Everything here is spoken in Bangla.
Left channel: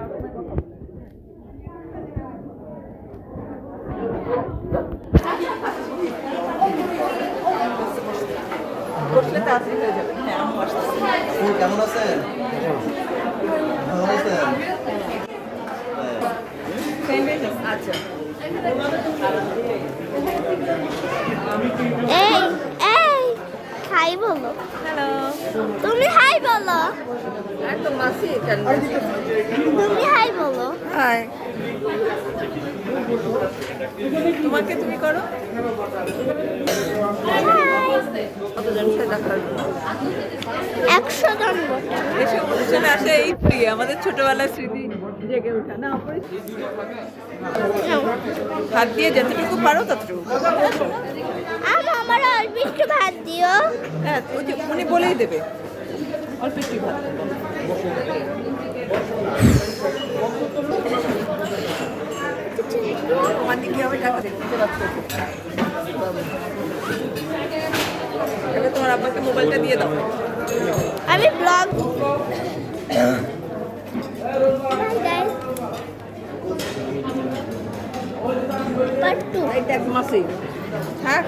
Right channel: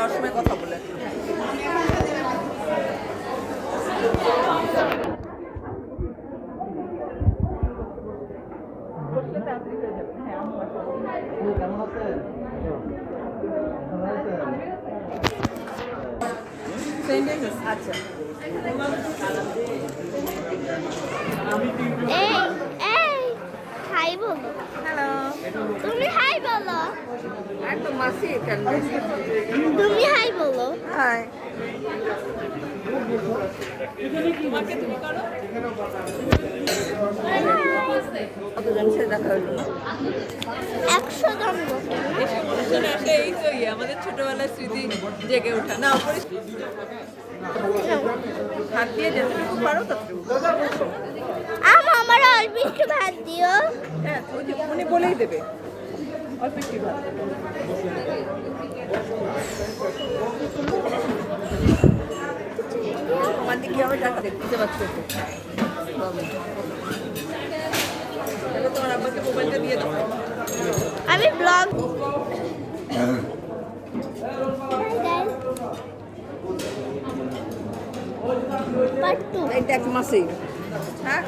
যাওয়ার সময় কথা বলে। বসলে তাড়াতাড়ি হয়ে যাবে। হ্যাঁ, আমি আসতেছি। কেমন আছেন? ভালো আছেন? আচ্ছা, এই এই হাই বলো। হ্যালো। তুমি হাই বলো। একদম মাসি কেন? তুমি হাই বলো। হাই। তোমাকে তুমি করো। হাই। কতজন সে দেখা হলো? 100 জন বটে না? এসব অনুষ্ঠানে আসে এই তো আমাদের ছোটবেলার স্মৃতি জেগে ওঠা না। নাও। হাত দিয়ে যতটুকু পারো ততটুকু। আমার অল্প একটু ভাত দিও। হ্যাঁ, ওই যে উনি বলেই দেবে অল্প একটু ভাত। আমার দিকে আমি টাকা দেখতে পাচ্ছি। এটা তোমার আব্বাকে মোবাইলটা দিয়ে দাও। আমি ব্লগ বাই গাইস পার্ট 2 এটা এক মাসে। হ্যাঁ।